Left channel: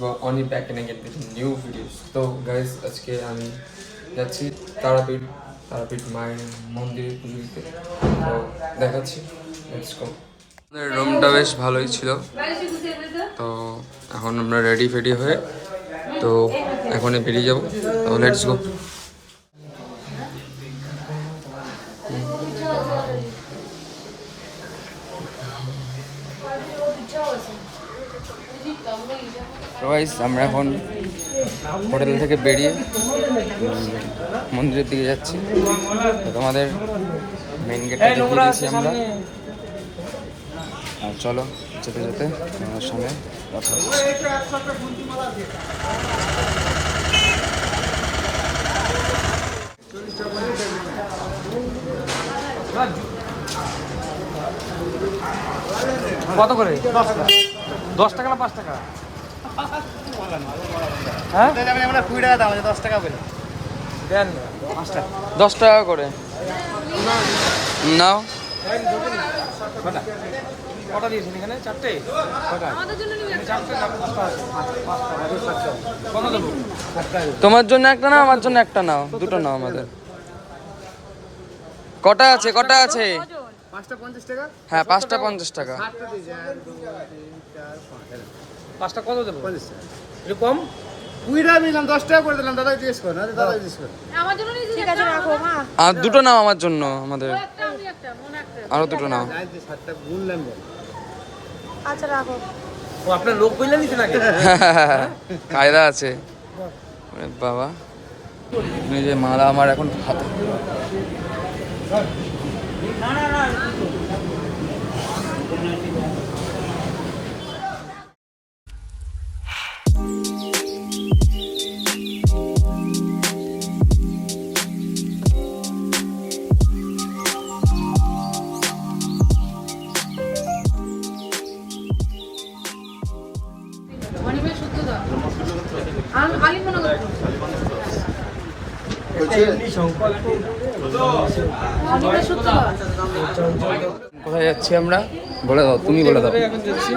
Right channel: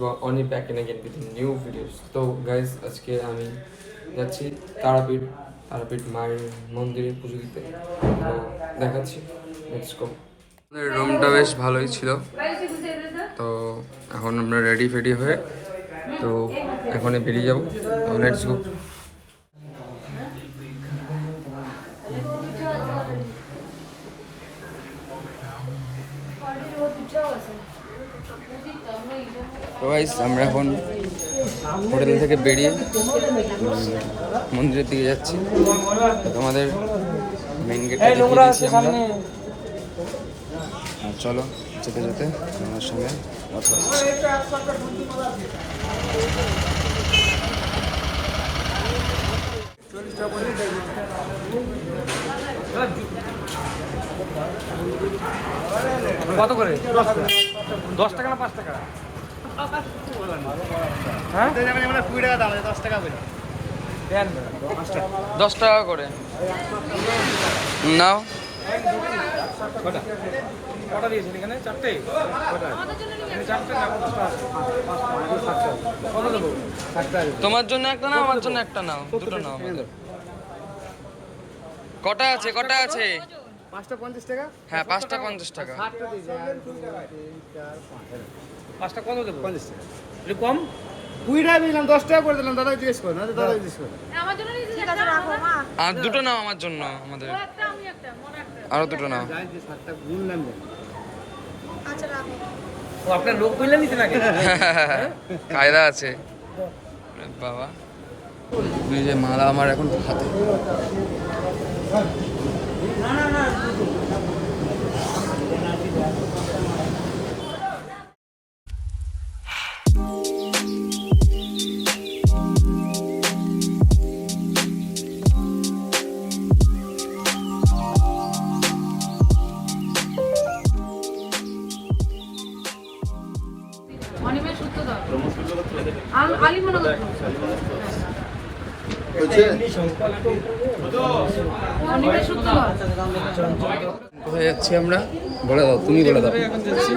Oni back and again with new videos. তো guys আজকে আমি যাচ্ছি তারাপীঠ মায়ের মন্দিরে পুজো দিতে। তো দেখাচ্ছি, লেটস গো। আমাদের রুমটা বেশ ভালোই ছিল। তো এখন আমরা রেডি ফেডি হয়ে তো এখনই বেরিয়ে যাবো। তো লেটস গো। তো গাইস আমরা এখন হোটেল থেকে বেরিয়ে মন্দিরের দিকে যাচ্ছি। তোমাদের মেইন গেটটা দেখিয়ে দিয়েছি আমরা। আর চলো যেতে যেতে আমার সঙ্গে কথা হচ্ছে। কত করে? 10 টাকা না 5 টাকা? হ্যাঁ 20 টাকা দাম, 10 টাকা করে দেন। 10 টাকা করে নাও। কটা কটা দিয়েছেন এখানে? 4টে? কটা আমাদের জন্য নিয়ে 4টে না? কত দেব? 7 টাকা। তোমার জন্য একটা না, আমার জন্য একটা নাও, দুটো নাও আমাদের। কটা আছে? কটা আছে? 5টা 50 টাকা। হ্যাঁ 5টা 50 টাকা। 7টা দিয়ে যায়। 1 2 3 4 5। 5টা কত দেব? 50 টাকা। এটা কম? 20 টাকা দিলাম, 10 টাকা করে দিলাম। দাদা জিজ্ঞেস করুন, আরে দাদা জিজ্ঞেস করুন। আমার জন্য নিয়ে ঠিক আছে রাখো। হ্যাঁ আর দুটো নাও আমার জন্য, আমাদের একটা আমি একটা মনে একটা আরো দুটো নাও। যাই যে 7টা গুনলাম বল। আচ্ছা রাখো। ও আপনার লোক কইলা নিতে লাগে। কায়দা আছে। আরে বাবা, এই যে মালা আমার এখন হাতে। কোথায় যাচ্ছি আমরা? বলে দাও, তুমি বলে দাও। এখন যাচ্ছি।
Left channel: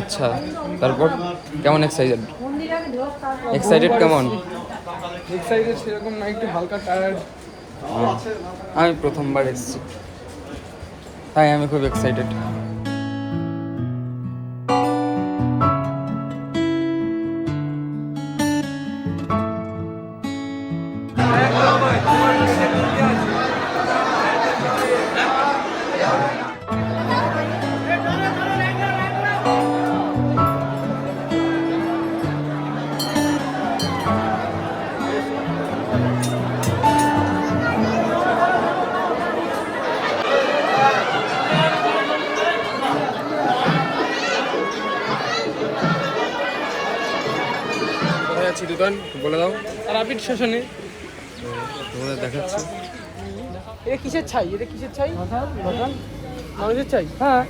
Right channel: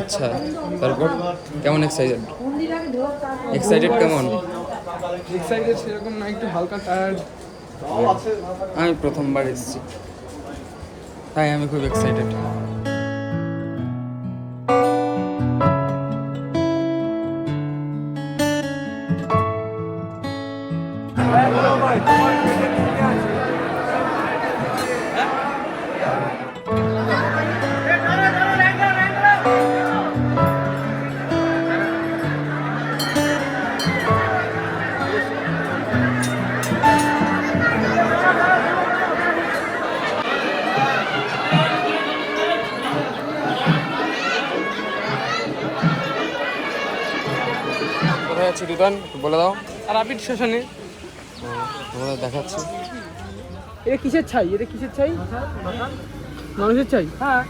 আচ্ছা তারপর কেমন এক্সাইটেড? এক্সাইটেড কেমন? এক্সাইটেড সেরকম না, একটু হালকা টায়ার্ড। আমি প্রথমবার এসেছি তাই আমি খুব এক্সাইটেড। যাচ্ছি দোকান বলে দাও। তারাপীঠ স্টেশনে তোমাদের দেখাচ্ছি। এটা কিসের ছাই? এটা কিসের ছাই? মানুষের ছাই। হ্যাঁ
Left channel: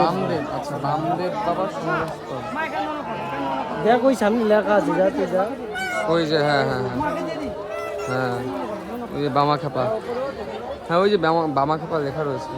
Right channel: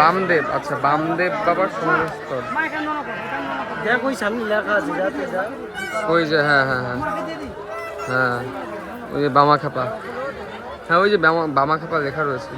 বামদেব। আচ্ছা বামদেব বাবার সমাধিস্থল। দেখ ওই সামনে লেখা আছে। ওই যে হ্যাঁ হ্যাঁ হ্যাঁ হ্যাঁ ওই যে বামাখাপা। হ্যাঁ ওই যে বামাখাপা লেখা রয়েছে।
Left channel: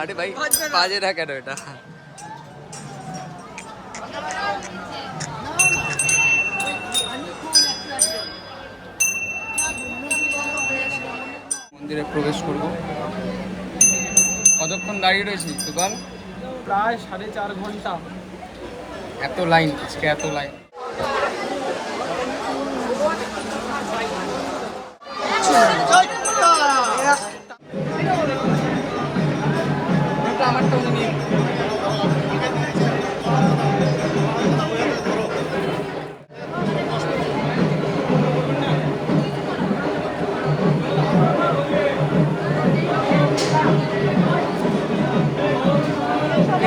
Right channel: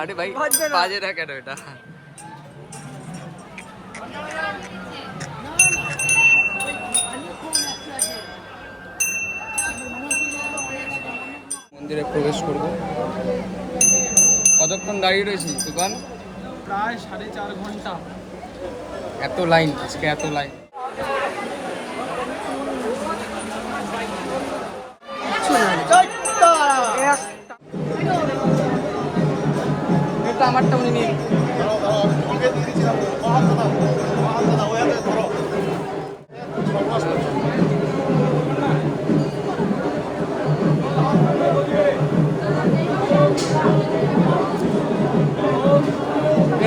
আরে ভাই বাজে না কেন এটা? মন্দিরে প্রবেশ করব। কতক্ষণ দাঁড়িয়ে রয়েছি দোকান? প্রায় 4.5 ঘন্টা। এত লাইন আজকে, এত লাইন। আমারটা উনি নিয়ে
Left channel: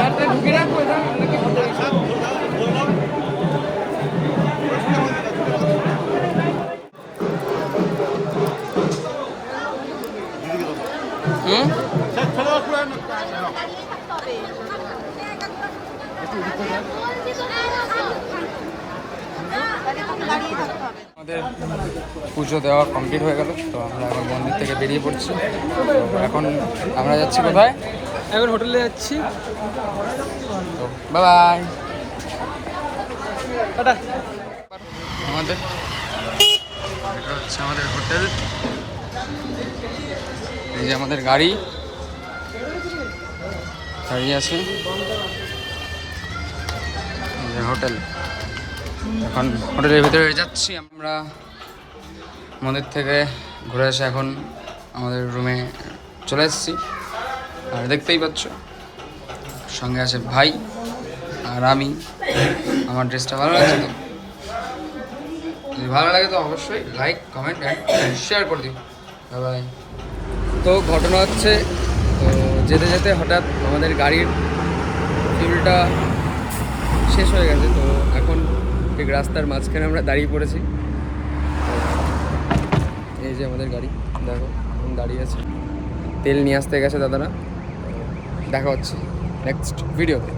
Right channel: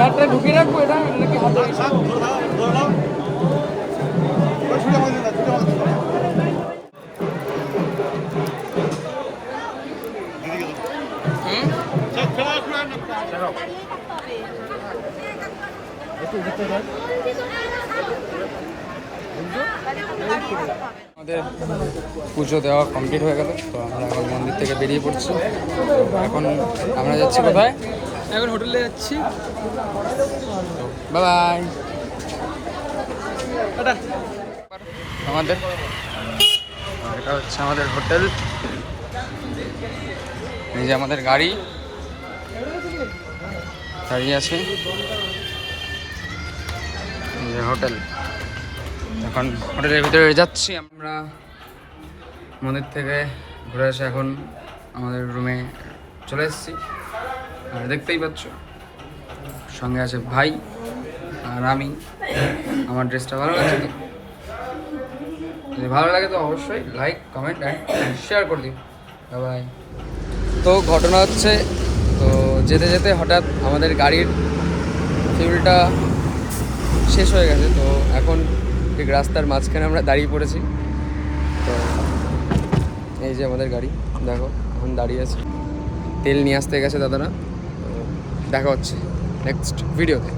হাতটা ঢুকিয়ে রাখবো এটা নাকি হাতে আমাদের পুজো দেওয়া কমপ্লিট হয়ে গেল, তো আমরা এখন মন্দির থেকে বেরিয়ে পড়ছি। তো এখন আমরা যাচ্ছি কোথায়? এখন হোটেলে যাচ্ছি। তো বাই বাই। আমাদের এটা হচ্ছে আমাদের হোটেল, এই যে আমাদের গাড়ি দাঁড়িয়ে আছে, এই যে হোটেল। এখন হোটেলের ভিতরে যাচ্ছি আমরা। মন্দির থেকে ঘুরে এসে এখন আমাদের রুমে চলে এসেছি। আর দেখতেই পাচ্ছ সঙ্গে আছে ভাই আর আমি। আমার ড্রেসটা ভালো লাগছে তো? যদি ভালো লাগে তো অবশ্যই লাইক, কমেন্ট অ্যান্ড শেয়ার করে দিও। Bye bye. তো ঘটনা হচ্ছে, তো যেতে যেতে হঠাৎ আমাদের গাড়ির ফিউলটা শেষ হয়ে গেছে। তো এখন ঠিক রাস্তার মাঝখানে আমরা দাঁড়িয়ে পড়েছি। তো এই যে আমাদের গাড়ি, দেখো এখন দাঁড়িয়ে আছে। তেল নিয়ে আসতে গেছে দাদারা। তো দেখা হচ্ছে নেক্সট ভিডিওতে।